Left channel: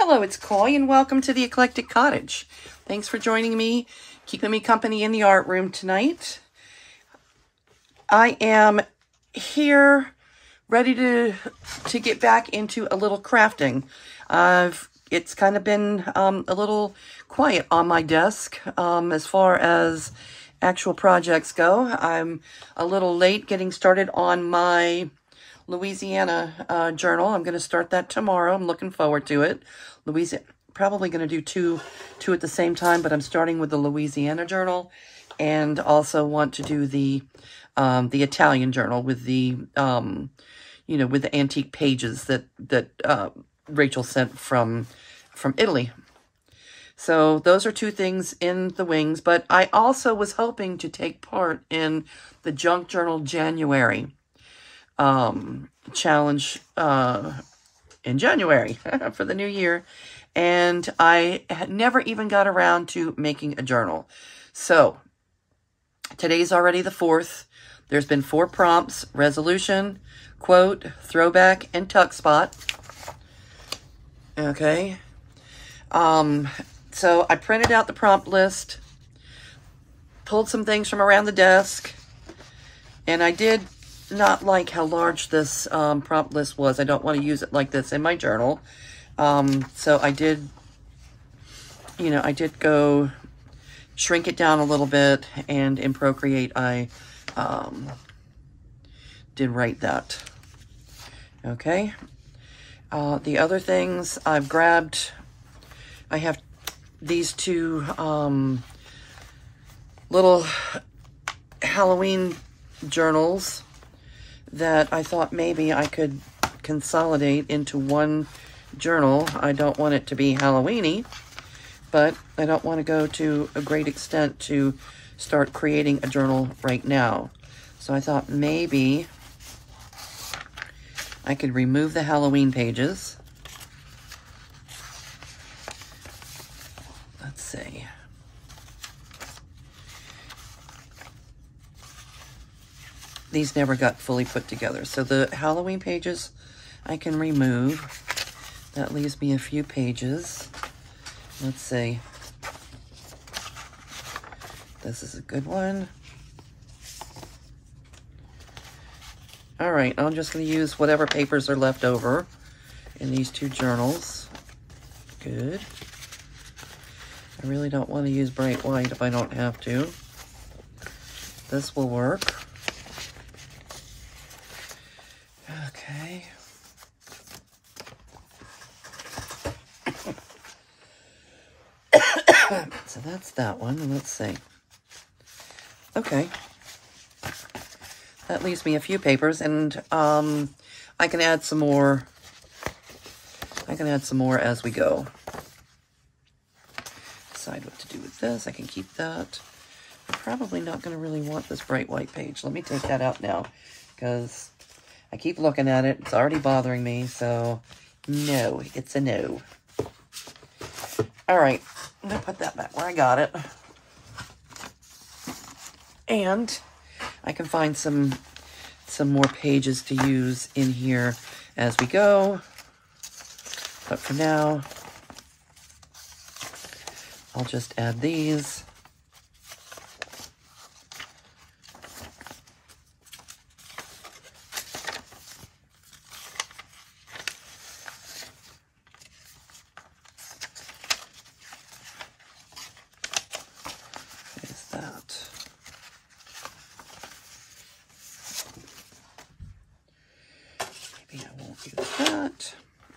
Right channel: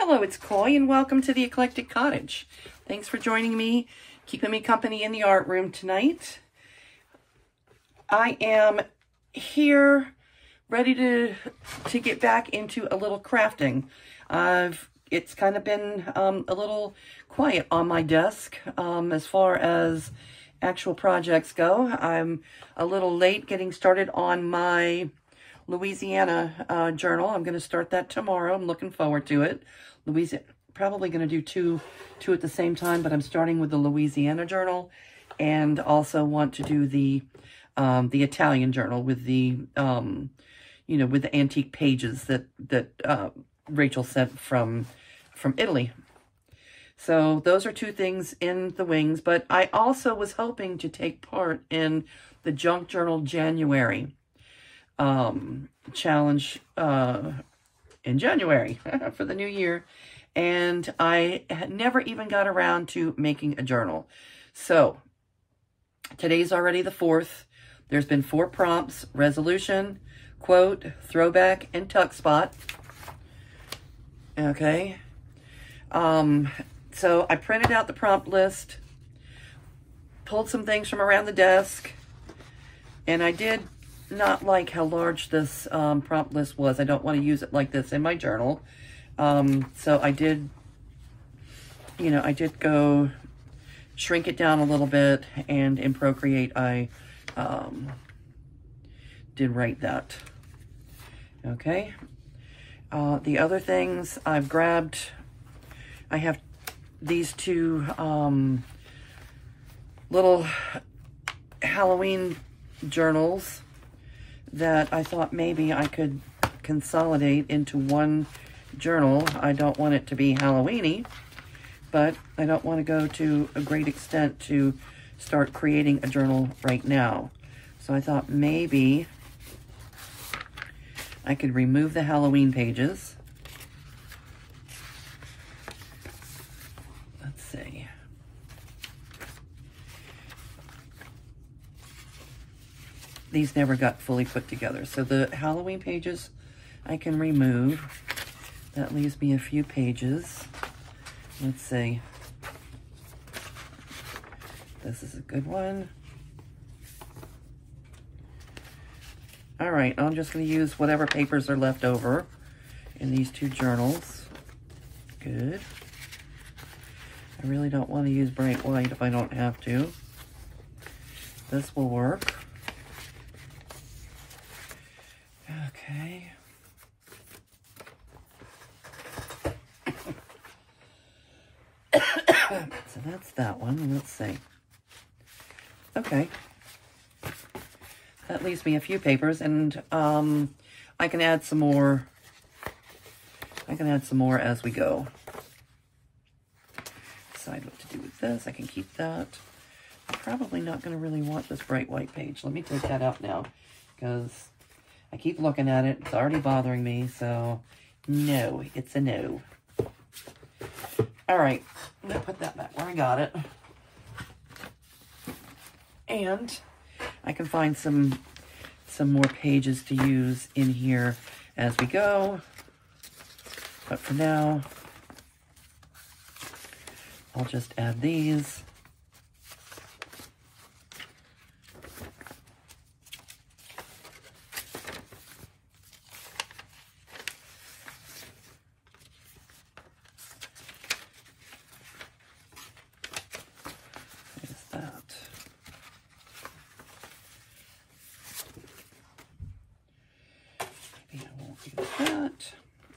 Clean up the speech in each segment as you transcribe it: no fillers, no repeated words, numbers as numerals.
Hello, it's Coy, and welcome to the Eclectic Cottage. Thanks for joining me, keeping me company in the art room tonight. I am here ready to get back into a little crafting. It's kind of been a little quiet on my desk as far as actual projects go. I'm a little late getting started on my Louisiana journal. I'm going to start that tomorrow. I'm looking forward to it. Probably going to do two at the same time, but I'm starting with the Louisiana journal, and also want to do the Italian journal with the with the antique pages that Rachel sent from Italy. So those are two things in the wings, but I also was hoping to take part in the Junk Journal January challenge in January for the new year, and I had never even got around to making a journal. So today's already the 4th. There's been 4 prompts: resolution, quote, throwback, and tuck spot. Okay. So I printed out the prompt list, pulled some things from around the desk, and I did not like how large this prompt list was. I don't want to use it like this in my journal. So I did, I did go shrink it down a little bit, and in Procreate I did write that. Okay. The other things I've grabbed, I have these 2 little Halloween journals that I thought maybe I could consolidate into one journal. I don't want it to be Halloween-y, but I don't want to go to a great extent to start creating a journal right now. So I thought maybe I could remove the Halloween pages. Let's see. These never got fully put together. So the Halloween pages I can remove. That leaves me a few pages. Let's see. This is a good one. All right, I'm just going to use whatever papers are left over in these 2 journals. Good. I really don't want to use bright white if I don't have to. This will work. Okay. So that's that one. Let's see. Okay. That leaves me a few papers, and I can add some more. I can add some more as we go. Decide what to do with this. I can keep that. I'm probably not going to really want this bright white page. Let me take that out now, because I keep looking at it. It's already bothering me, so no, it's a no. All right, I'm going to put that back where I got it. And I can find some more pages to use in here as we go. But for now, I'll just add these.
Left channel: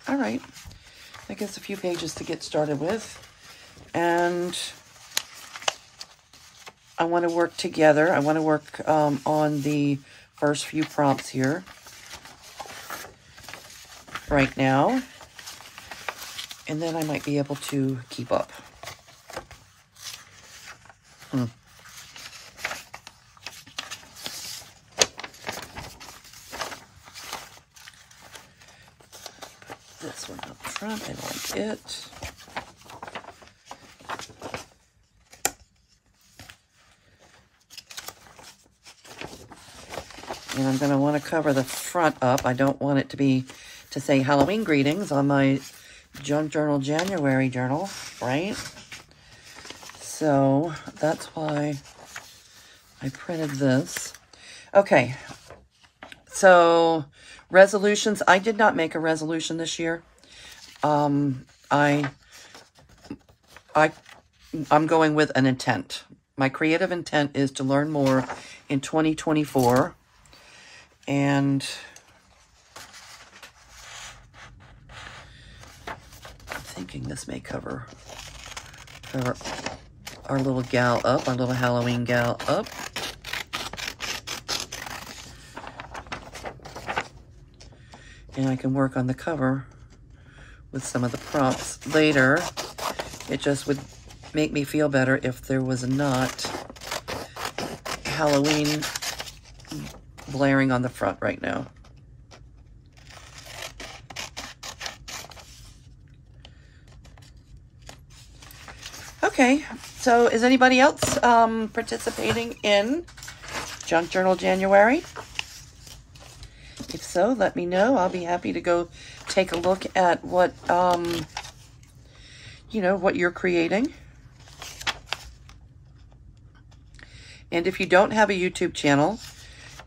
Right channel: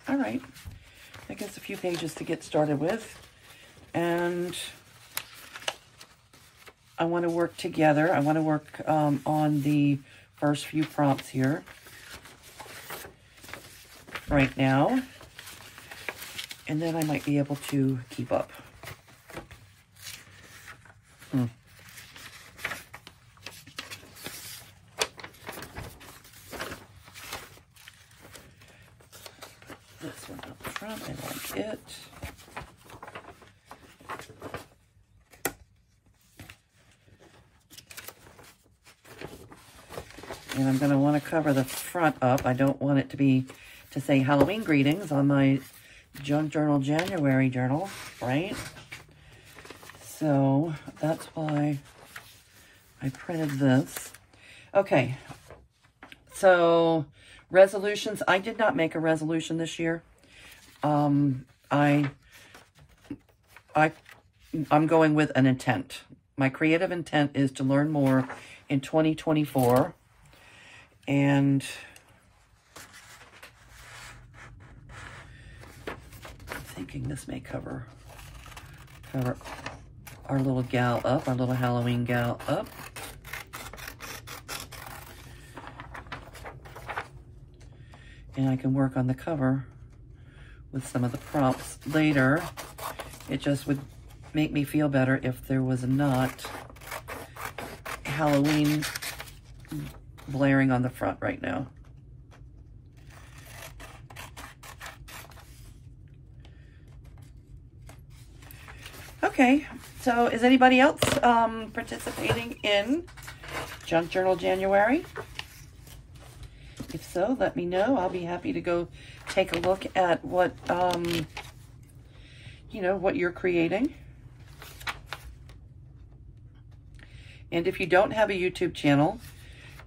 All right, that gets a few pages to get started with, and I want to work together. I want to work on the first few prompts here right now, and then I might be able to keep up. This one up front, I like it. And I'm going to want to cover the front up. I don't want it to say Halloween greetings on my Junk Journal January journal, right? So that's why I printed this. Okay, so resolutions. I did not make a resolution this year. I'm going with an intent. My creative intent is to learn more in 2024. And I'm thinking this may cover our little gal up, our little Halloween gal up. And I can work on the cover with some of the props later. It just would make me feel better if there was not Halloween blaring on the front right now. Okay, so is anybody else participating in Junk Journal January? If so, let me know. I'll be happy to go take a look at what, you know, what you're creating. And if you don't have a YouTube channel,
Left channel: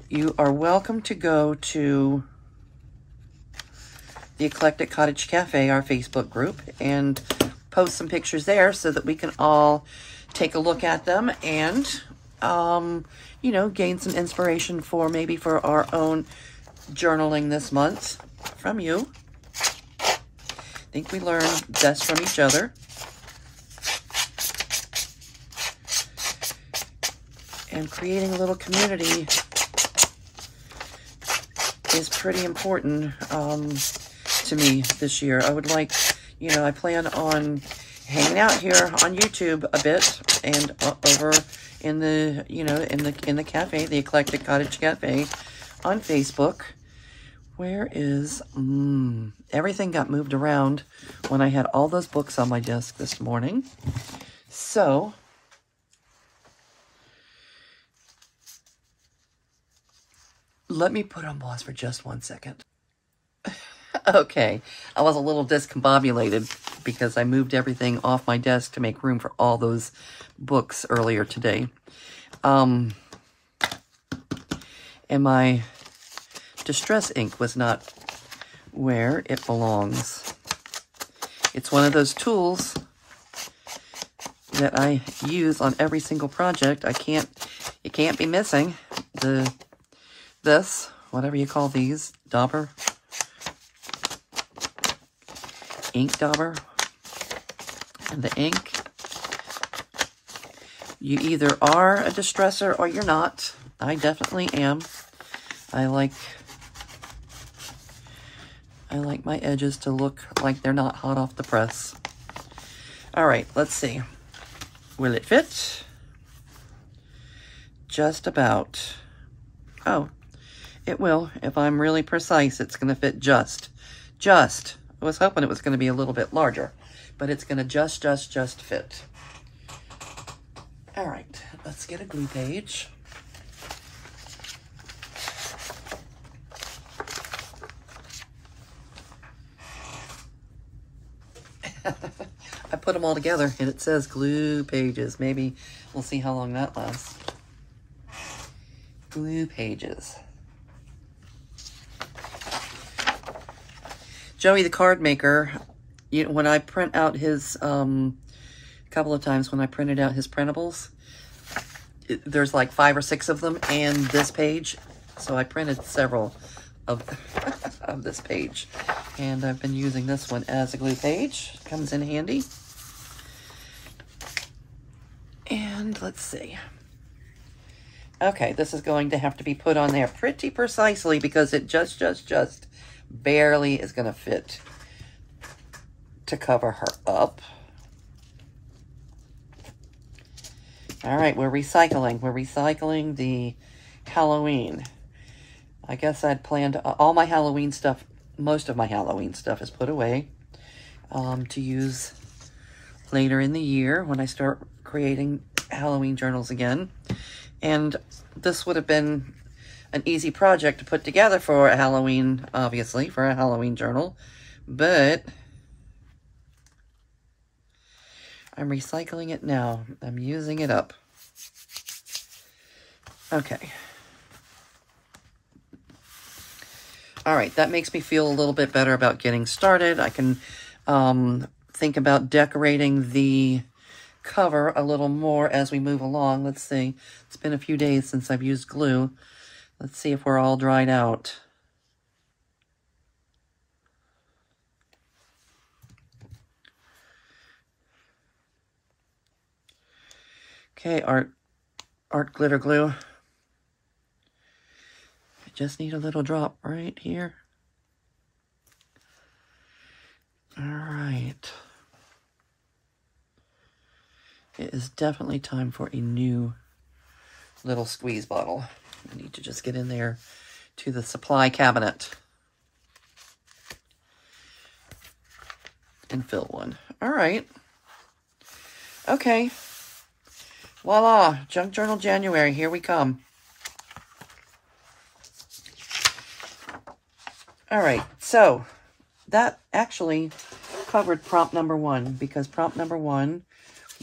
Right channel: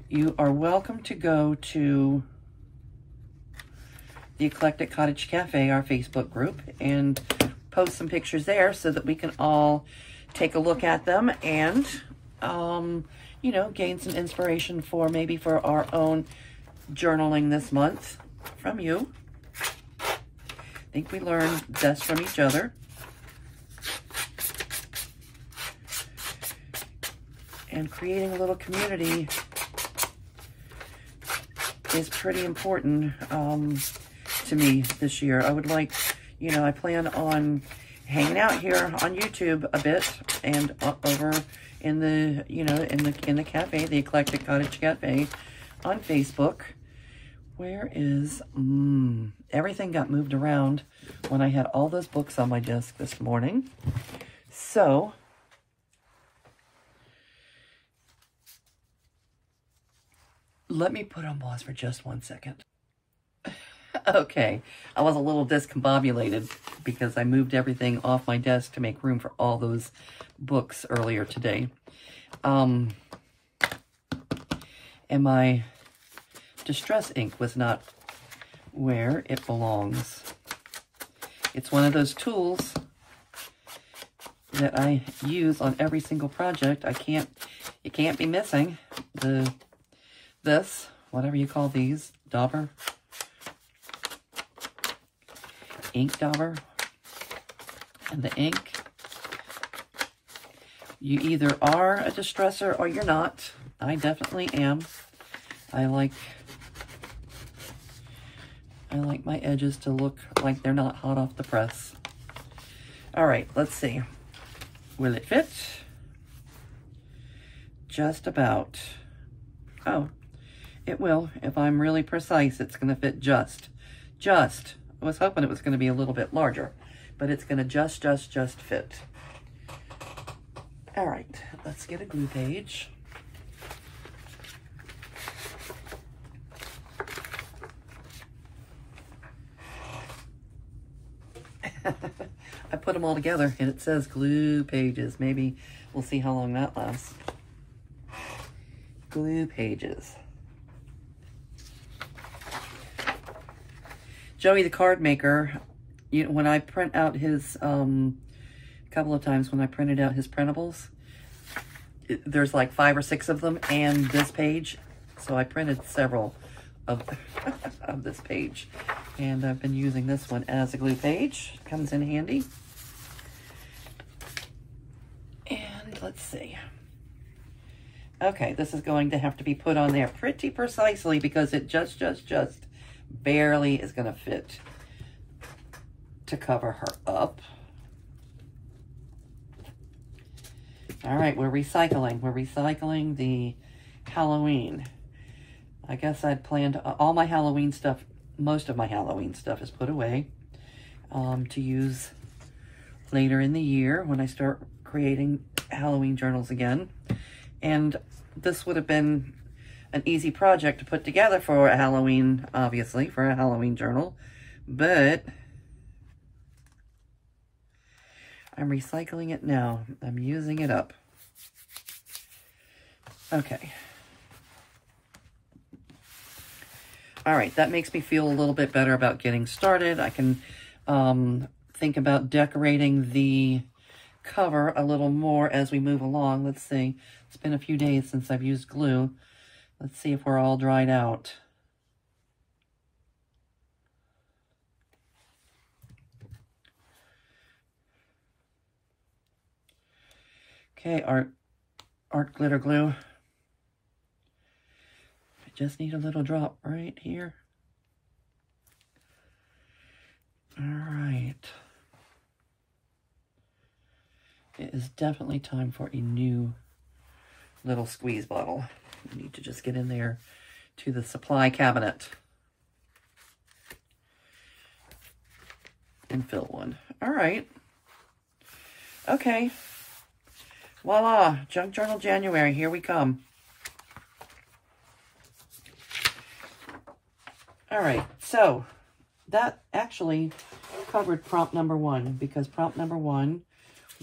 you are welcome to go to the Eclectic Cottage Cafe, our Facebook group, and post some pictures there so that we can all take a look at them and, you know, gain some inspiration for maybe for our own journaling this month from you. I think we learn best from each other. And creating a little community is pretty important to me this year. I would like, you know, I plan on hanging out here on YouTube a bit and over in the, you know, in the cafe, the Eclectic Cottage Cafe on Facebook. Where is, everything got moved around when I had all those books on my desk this morning. So, let me put on pause for just 1 second. Okay, I was a little discombobulated because I moved everything off my desk to make room for all those books earlier today. And my distress ink was not where it belongs. It's one of those tools that I use on every single project. It can't be missing. This, whatever you call these, dauber, ink dauber, and the ink. You either are a distresser or you're not. I definitely am. I like my edges to look like they're not hot off the press. All right, let's see. Will it fit? Just about. Oh, it will. If I'm really precise, it's going to fit just. I was hoping it was going to be a little bit larger, but it's going to just fit. All right, let's get a glue page. I put them all together and it says glue pages. Maybe we'll see how long that lasts. Glue pages. Joey the card maker, you know, when I print out his, couple of times when I printed out his printables, there's like 5 or 6 of them and this page. So I printed several of, of this page. And I've been using this one as a glue page. Comes in handy. And let's see. Okay, this is going to have to be put on there pretty precisely because it just barely is going to fit to cover her up. All right, we're recycling. We're recycling the Halloween. I guess I'd planned all my Halloween stuff, most of my Halloween stuff is put away to use later in the year when I start creating Halloween journals again. And this would have been an easy project to put together for a Halloween, obviously, for a Halloween journal. But I'm recycling it now. I'm using it up. Okay. All right, that makes me feel a little bit better about getting started. I can think about decorating the cover a little more as we move along. Let's see. It's been a few days since I've used glue. Let's see if we're all dried out. Okay, art glitter glue. I just need a little drop right here. All right. It is definitely time for a new little squeeze bottle. We need to just get in there to the supply cabinet and fill one. All right. Okay. Voila, Junk Journal January, here we come. All right, so that actually covered prompt number 1, because prompt number 1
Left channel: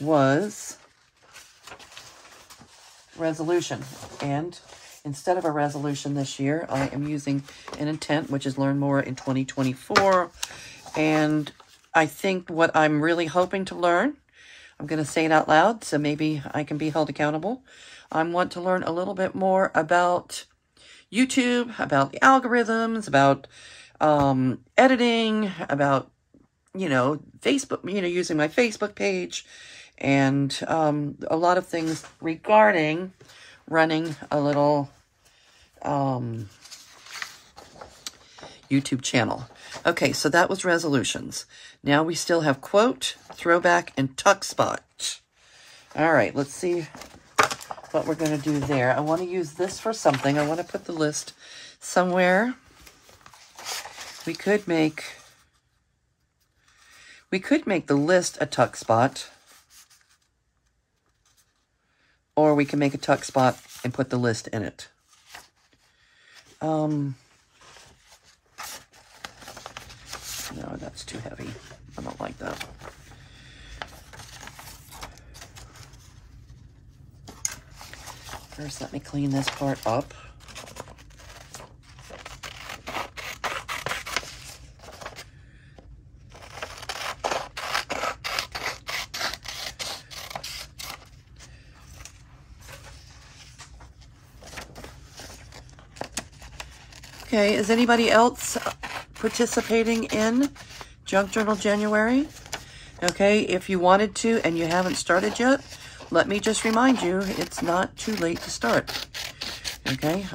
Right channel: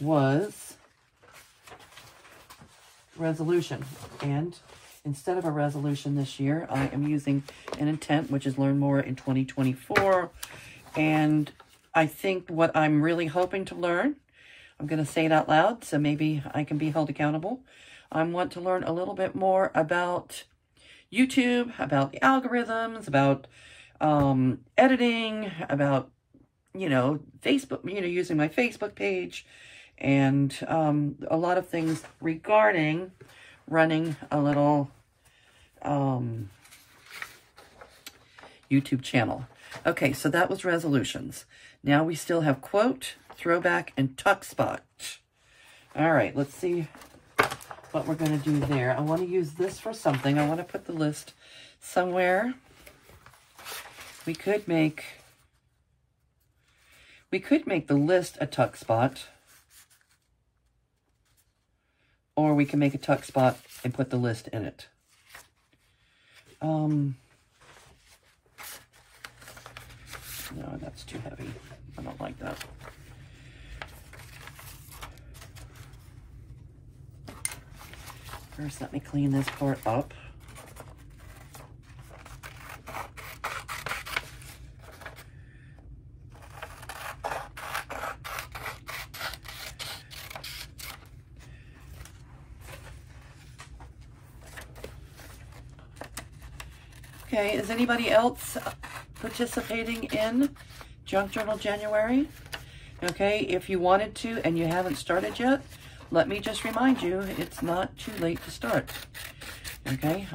was resolution. And instead of a resolution this year, I am using an intent, which is learn more in 2024. And I think what I'm really hoping to learn, I'm going to say it out loud, so maybe I can be held accountable. I want to learn a little bit more about YouTube, about the algorithms, about editing, about, Facebook, using my Facebook page, and a lot of things regarding running a little YouTube channel. Okay, so that was resolutions. Now we still have quote, throwback, and tuck spot. All right, let's see what we're going to do there. I want to use this for something. I want to put the list somewhere. We could make the list a tuck spot, or we can make a tuck spot and put the list in it. No, that's too heavy. I don't like that. First, let me clean this part up. Okay, is anybody else participating in Junk Journal January? Okay, if you wanted to and you haven't started yet, let me just remind you, it's not too late to start. Okay,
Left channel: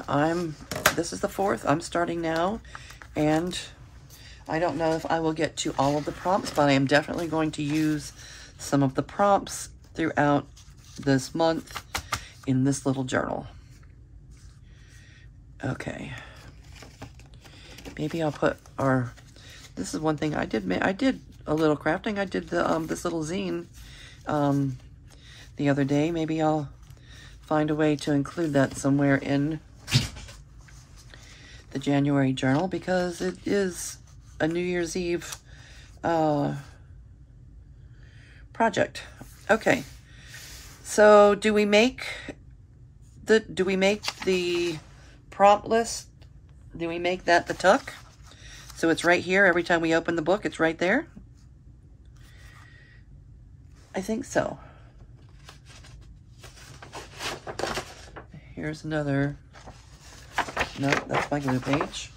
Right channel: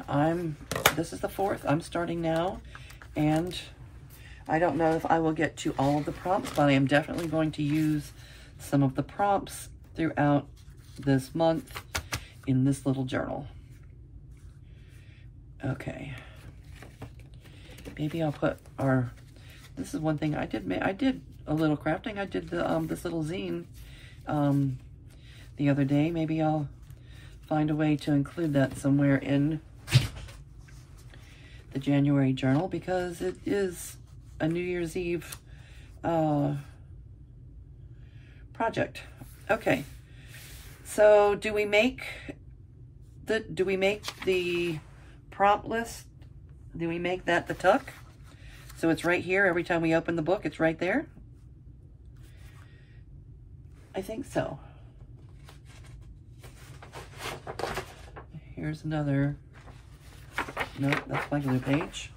this is the 4th, I'm starting now, and I don't know if I will get to all of the prompts, but I am definitely going to use some of the prompts throughout this month in this little journal. Okay. Maybe I'll put this is one thing I did a little crafting. I did this little zine the other day. Maybe I'll find a way to include that somewhere in the January journal, because it is a New Year's Eve project. Okay, so do we make the prompt list? Do we make that the tuck? So it's right here. Every time we open the book, it's right there. I think so. Here's another. No, that's my glue page.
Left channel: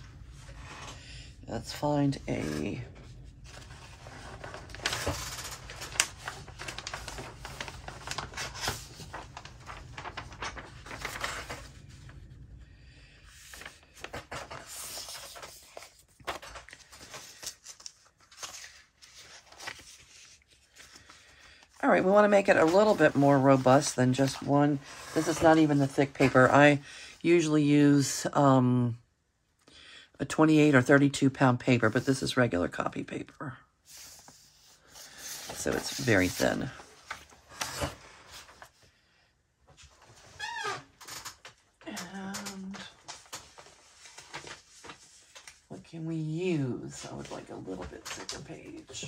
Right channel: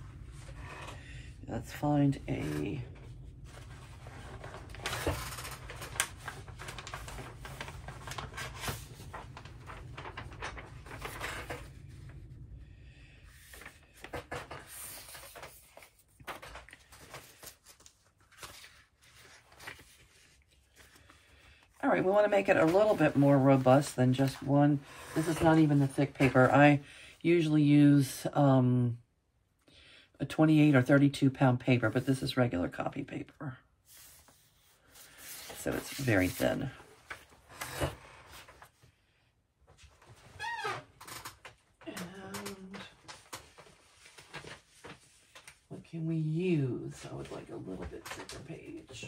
Let's find a... All right, we want to make it a little bit more robust than just one. This is not even the thick paper. I usually use a 28 or 32 pound paper, but this is regular copy paper. So it's very thin. And what can we use? I would like a little bit thicker page.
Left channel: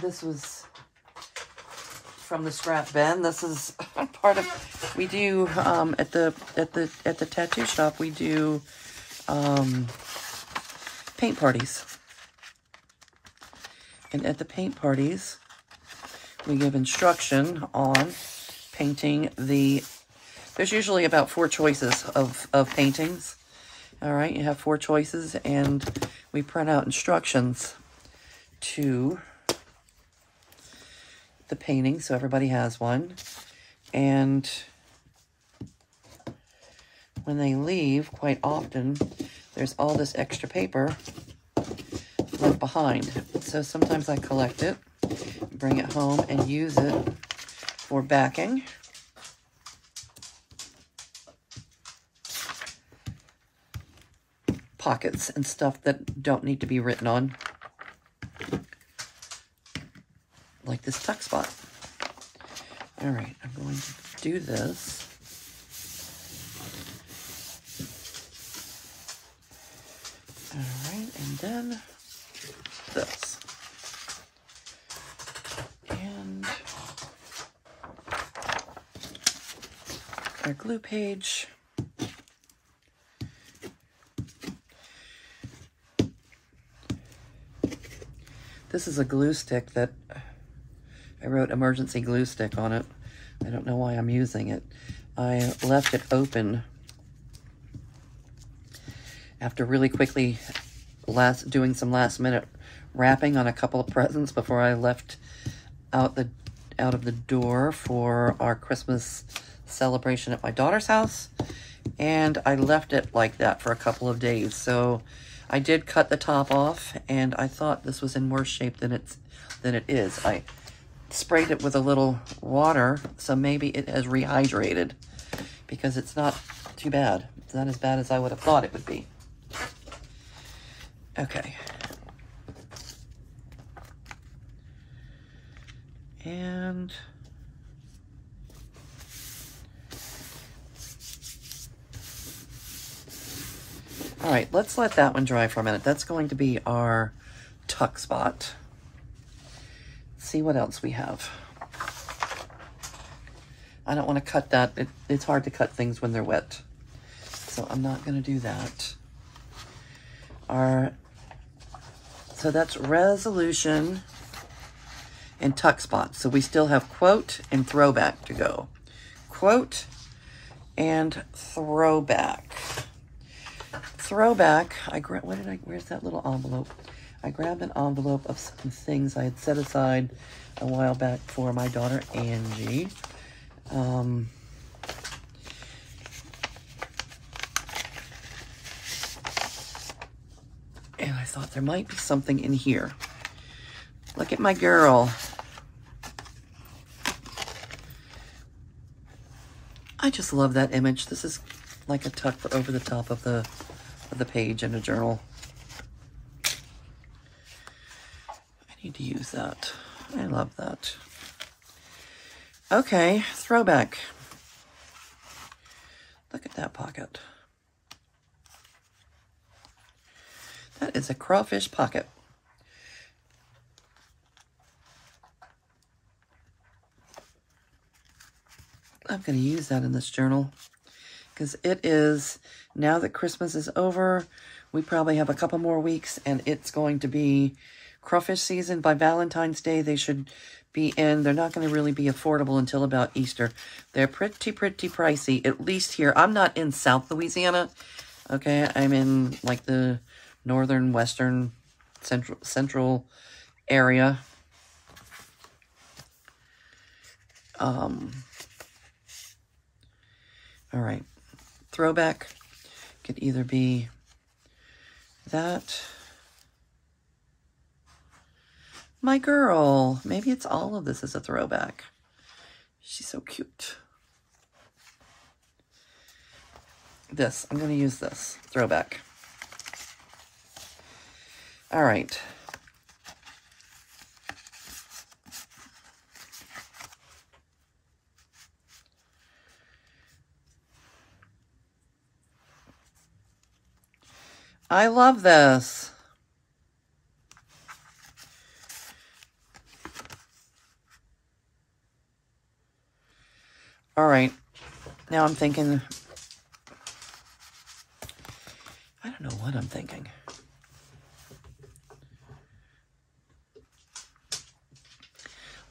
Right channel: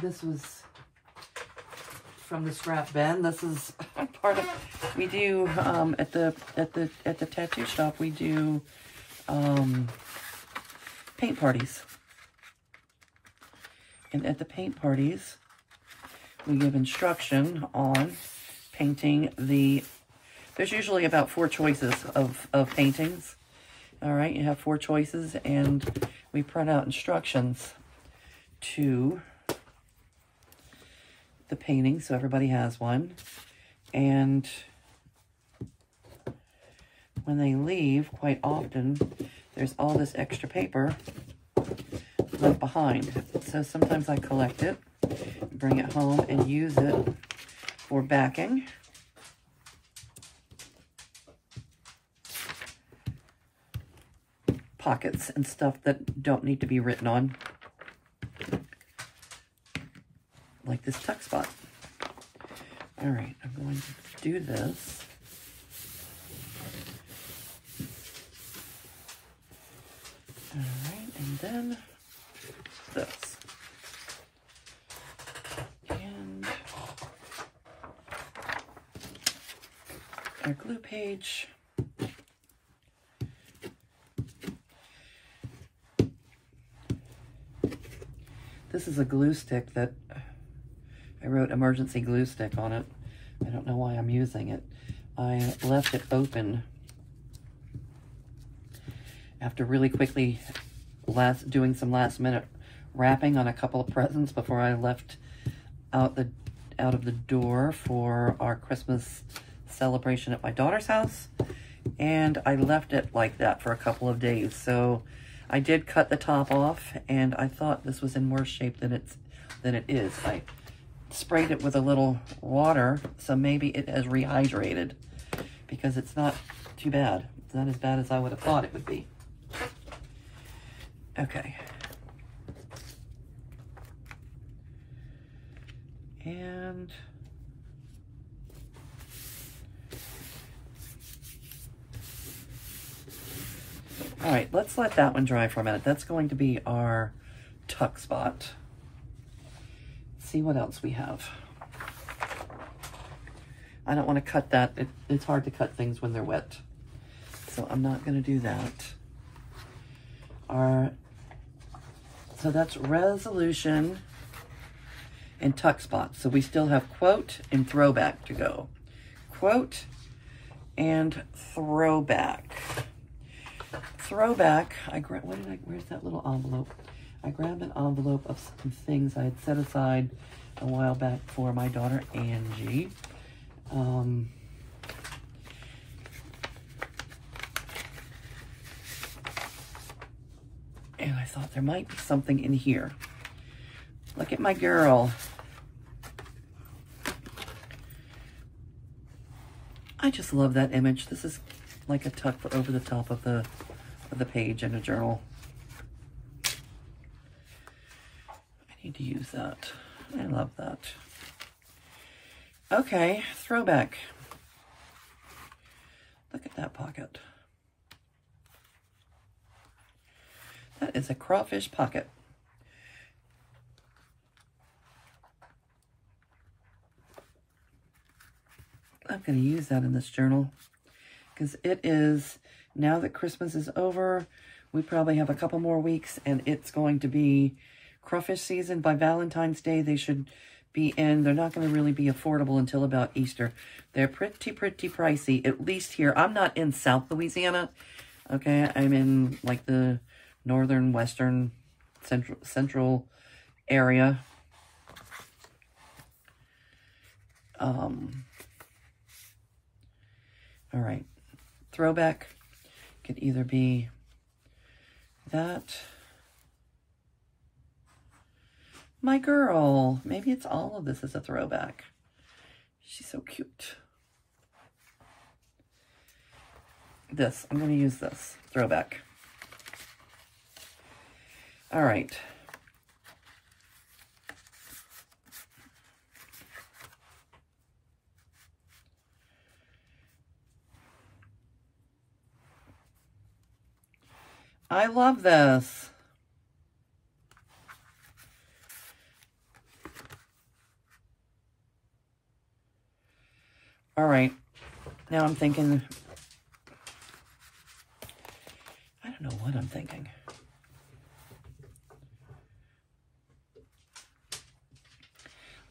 This was from the scrap bin. This is part of, we do, at the tattoo shop, we do, paint parties. And at the paint parties, we give instruction on painting the, there's usually about 4 choices of paintings. All right, you have 4 choices, and we print out instructions to the painting, so everybody has one. And when they leave, quite often, there's all this extra paper left behind. So sometimes I collect it, bring it home, and use it for backing. Pockets and stuff that don't need to be written on. Like this tuck spot. All right, I'm going to do this. All right, and then this. And our glue page. This is a glue stick that I wrote emergency glue stick on it. I don't know why I'm using it. I left it open after really quickly doing some last minute wrapping on a couple of presents before I left out of the door for our Christmas celebration at my daughter's house. And I left it like that for a couple of days. So I did cut the top off, and I thought this was in worse shape than it is. I sprayed it with a little water, so maybe it has rehydrated, because it's not too bad. It's not as bad as I would have thought it would be. Okay. And all right, let's let that one dry for a minute. That's going to be our tuck spot. Let's see what else we have. I don't want to cut that. It's hard to cut things when they're wet, so I'm not going to do that. So that's resolution and tuck spot. So we still have quote and throwback to go. Quote and throwback. Throwback, where's that little envelope? I grabbed an envelope of some things I had set aside a while back for my daughter, Angie. And I thought there might be something in here. Look at my girl. I just love that image. This is like a tuck for over the top of the page in a journal. I need to use that. I love that. Okay, throwback. Look at that pocket. That is a crawfish pocket. I'm going to use that in this journal because it is, now that Christmas is over, we probably have a couple more weeks and it's going to be crawfish season. By Valentine's Day, they should be in. They're not going to really be affordable until about Easter. They're pretty pricey, at least here. I'm not in South Louisiana, okay? I'm in like the northern, western, central area. All right, throwback could either be that. My girl, maybe it's all of this as a throwback. She's so cute. This, I'm going to use this, throwback. All right. I love this. All right. Now I'm thinking, I don't know what I'm thinking.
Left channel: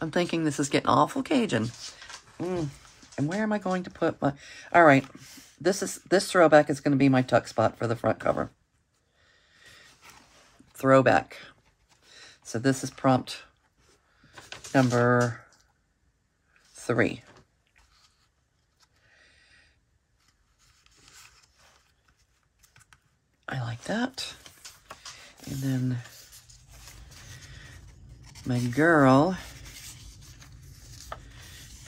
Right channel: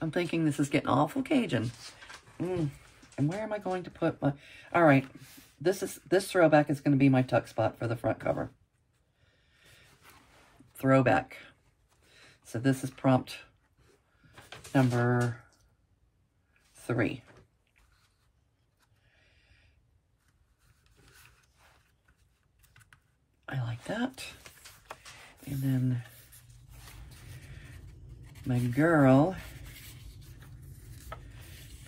I'm thinking this is getting awful Cajun. And where am I going to put my... All right. This throwback is going to be my tuck spot for the front cover. Throwback. So this is prompt number 3. I like that. And then my girl,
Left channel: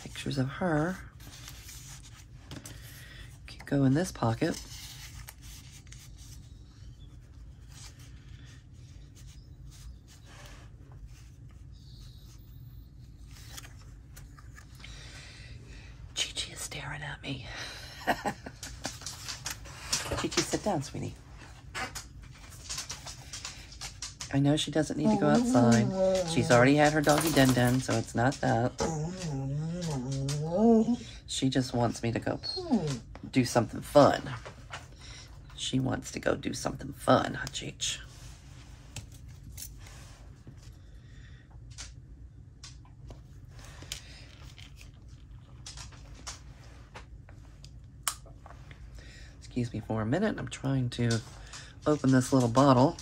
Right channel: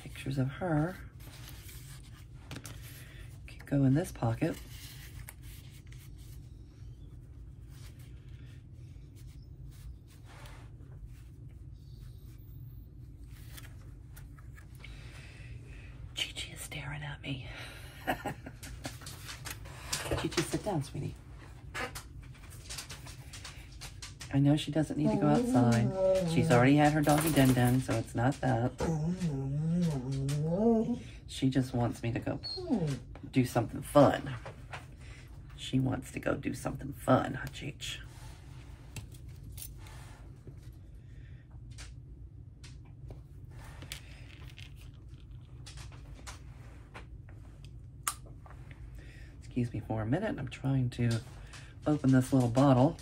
pictures of her, can go in this pocket. Chi-Chi is staring at me. Chi-Chi, sit down, sweetie. I know she doesn't need to go outside. She's already had her doggy den, so it's not that. She just wants me to go do something fun. She wants to go do something fun, huh, Cheech? Excuse me for a minute. I'm trying to open this little bottle.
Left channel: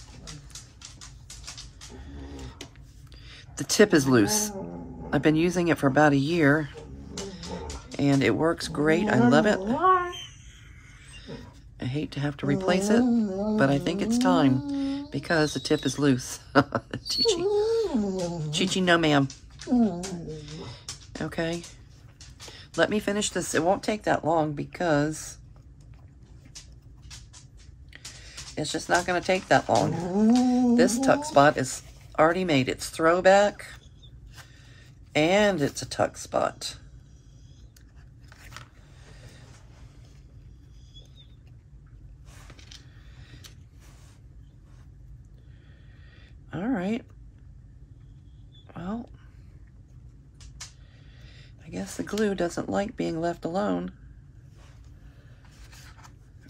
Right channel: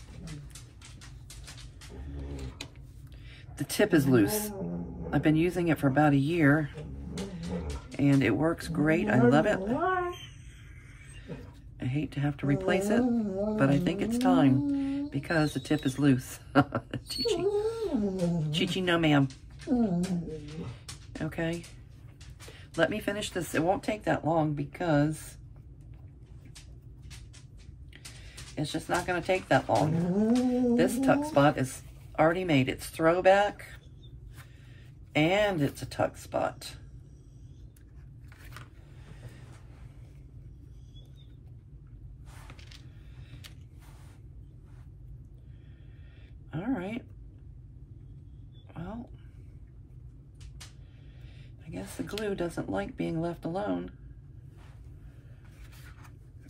The tip is loose. I've been using it for about a year, and it works great. I love it. I hate to have to replace it, but I think it's time because the tip is loose. Chi-Chi. Chi-Chi, no ma'am. Okay. Let me finish this. It won't take that long because it's just not going to take that long. This tuck spot is already made. It's throwback and it's a tuck spot. All right. Well, I guess the glue doesn't like being left alone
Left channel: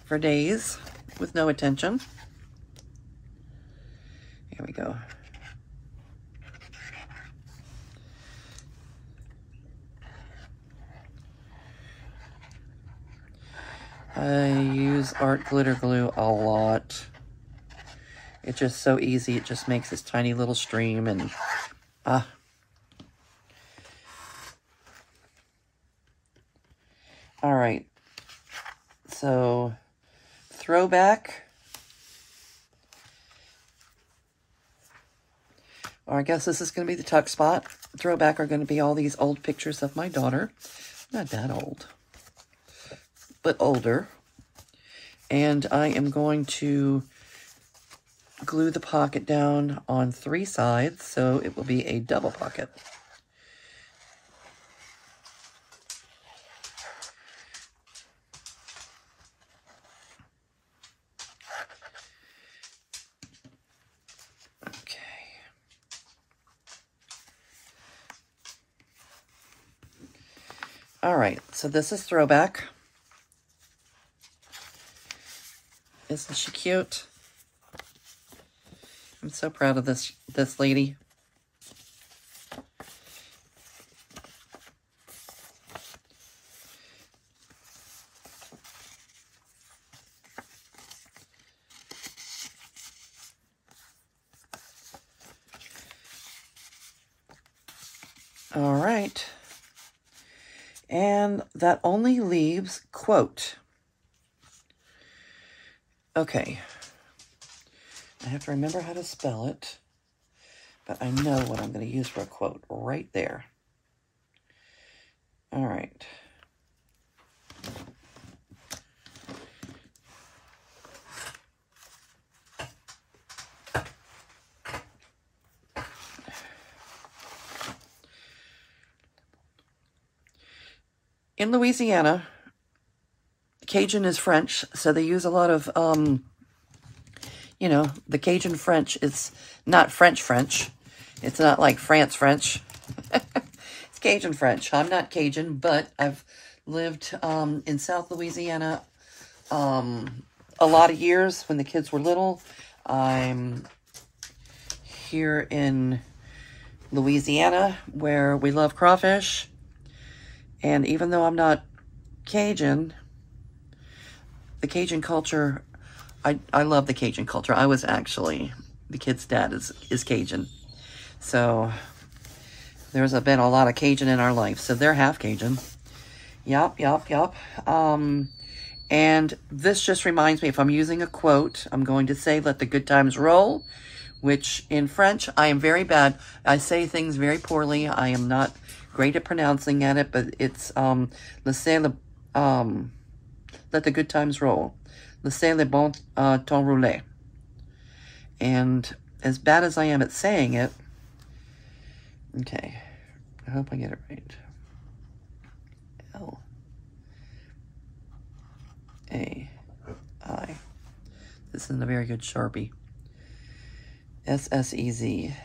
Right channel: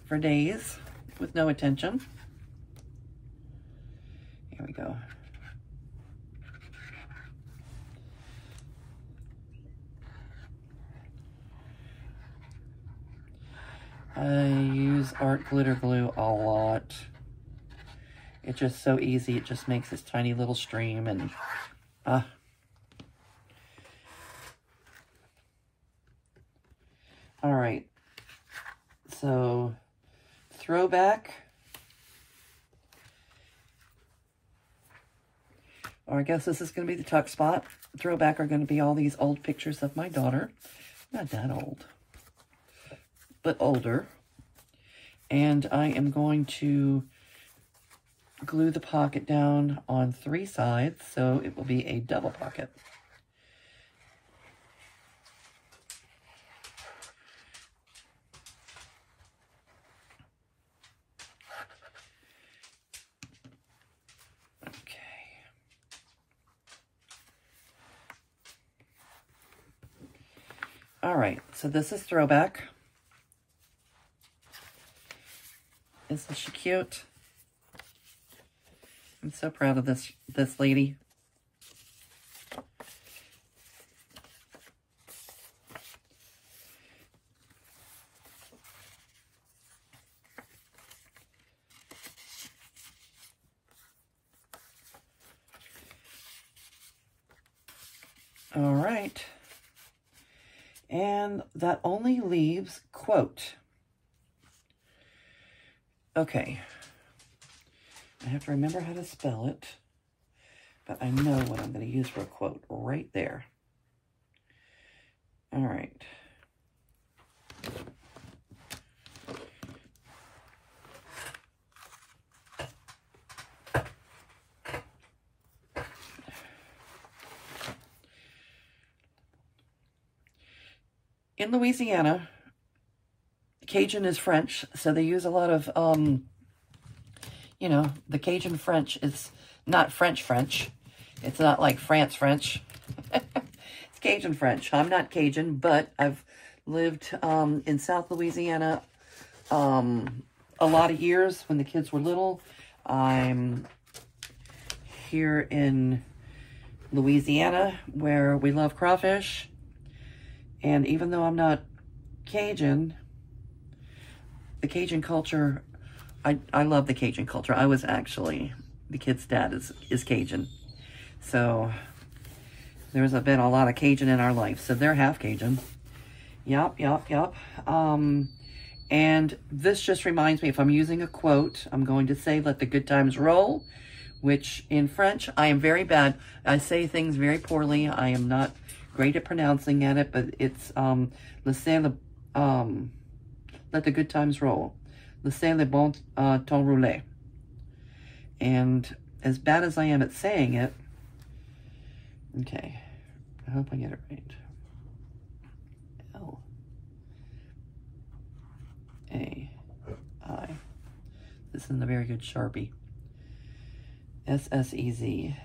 for days with no attention. Here we go. I use art glitter glue a lot. It's just so easy. It just makes this tiny little stream and all right. So throwback, or I guess this is going to be the tuck spot. Throwback are going to be all these old pictures of my daughter. Not that old, but older. And I am going to glue the pocket down on 3 sides, so it will be a double pocket. Okay. All right, so this is throwback. Isn't she cute? I'm so proud of this lady. All right. And that only leaves quote. Okay. I have to remember how to spell it, but I know what I'm going to use for a quote right there. All right. In Louisiana, Cajun is French, so they use a lot of, you know, the Cajun French is not French. It's not like France French. It's Cajun French. I'm not Cajun, but I've lived in South Louisiana a lot of years when the kids were little. I'm here in Louisiana where we love crawfish. And even though I'm not Cajun, the Cajun culture, I love the Cajun culture. I was actually, the kid's dad is Cajun. So there's been a lot of Cajun in our life. So they're half Cajun. Yup. And this just reminds me, if I'm using a quote, I'm going to say, let the good times roll, which in French, I am very bad. I say things very poorly. I am not great at pronouncing it, but it's, let the good times roll. Laissez le bon temps rouler. And as bad as I am at saying it, okay, I hope I get it right. L-A-I. This isn't a very good Sharpie. S-S-E-Z.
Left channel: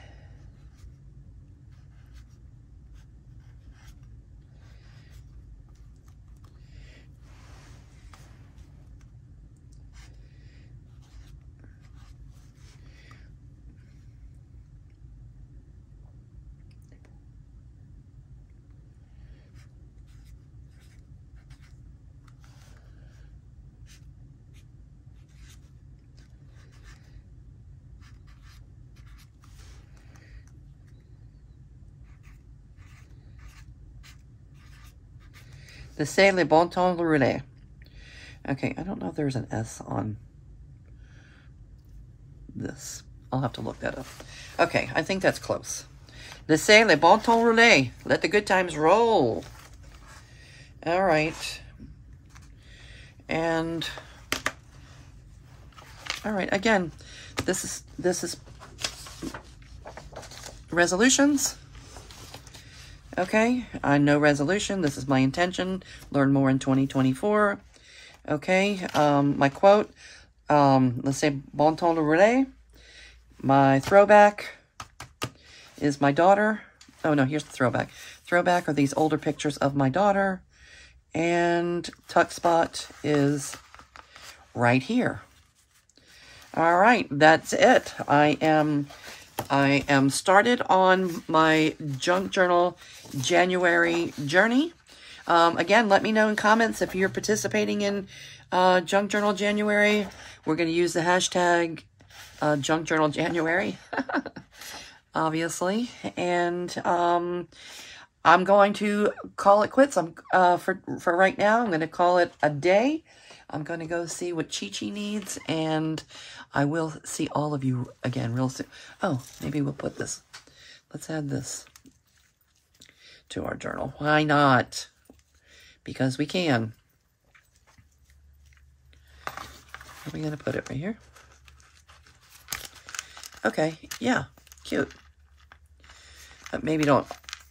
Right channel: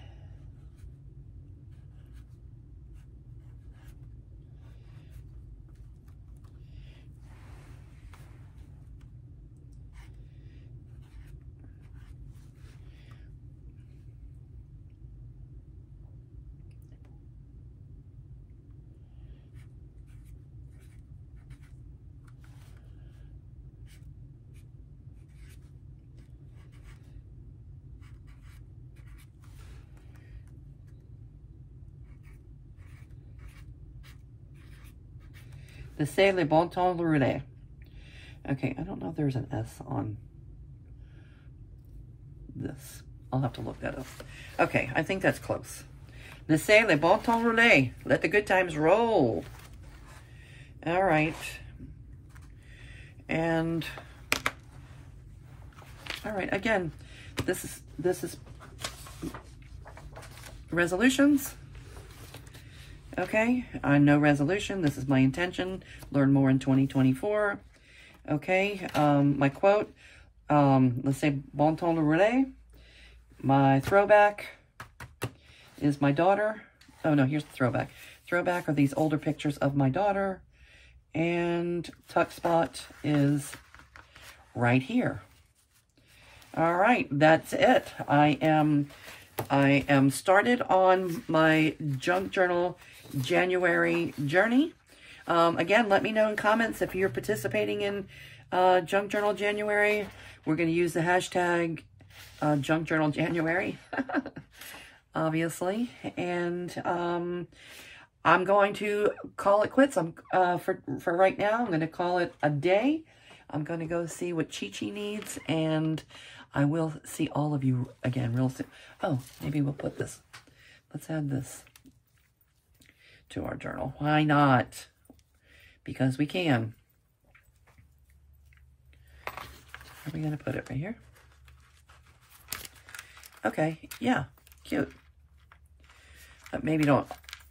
Laissez le bon temps rouler. Okay, I don't know if there's an S on this. I'll have to look that up. Okay, I think that's close. Laissez le bon temps rouler. Let the good times roll. All right. And all right, again, this is resolutions. Okay, no resolution. This is my intention. Learn more in 2024. Okay, my quote, let's say bon temps rouler. My throwback is my daughter. Oh no, here's the throwback. Throwback are these older pictures of my daughter. And tuck spot is right here. All right, that's it. I am started on my Junk Journal January journey. Again, let me know in comments if you're participating in Junk Journal January. We're going to use the hashtag Junk Journal January, obviously. And I'm going to call it quits. For right now, I'm going to call it a day. I'm going to go see what Chi-Chi needs, and I will see all of you again real soon. Oh, maybe we'll put this. Let's add this to our journal. Why not? Because we can. Are we going to put it right here? Okay, yeah, cute. But maybe don't.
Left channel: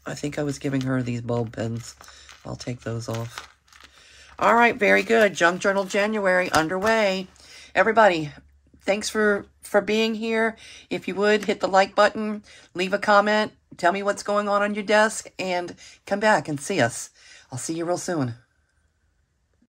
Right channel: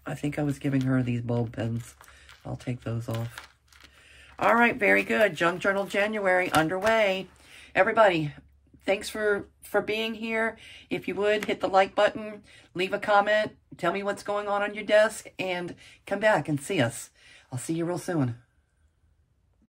I think I was giving her these bulb pens. I'll take those off. All right, very good. Junk Journal January underway. Everybody, thanks for being here. If you would, hit the like button, leave a comment, tell me what's going on your desk, and come back and see us. I'll see you real soon.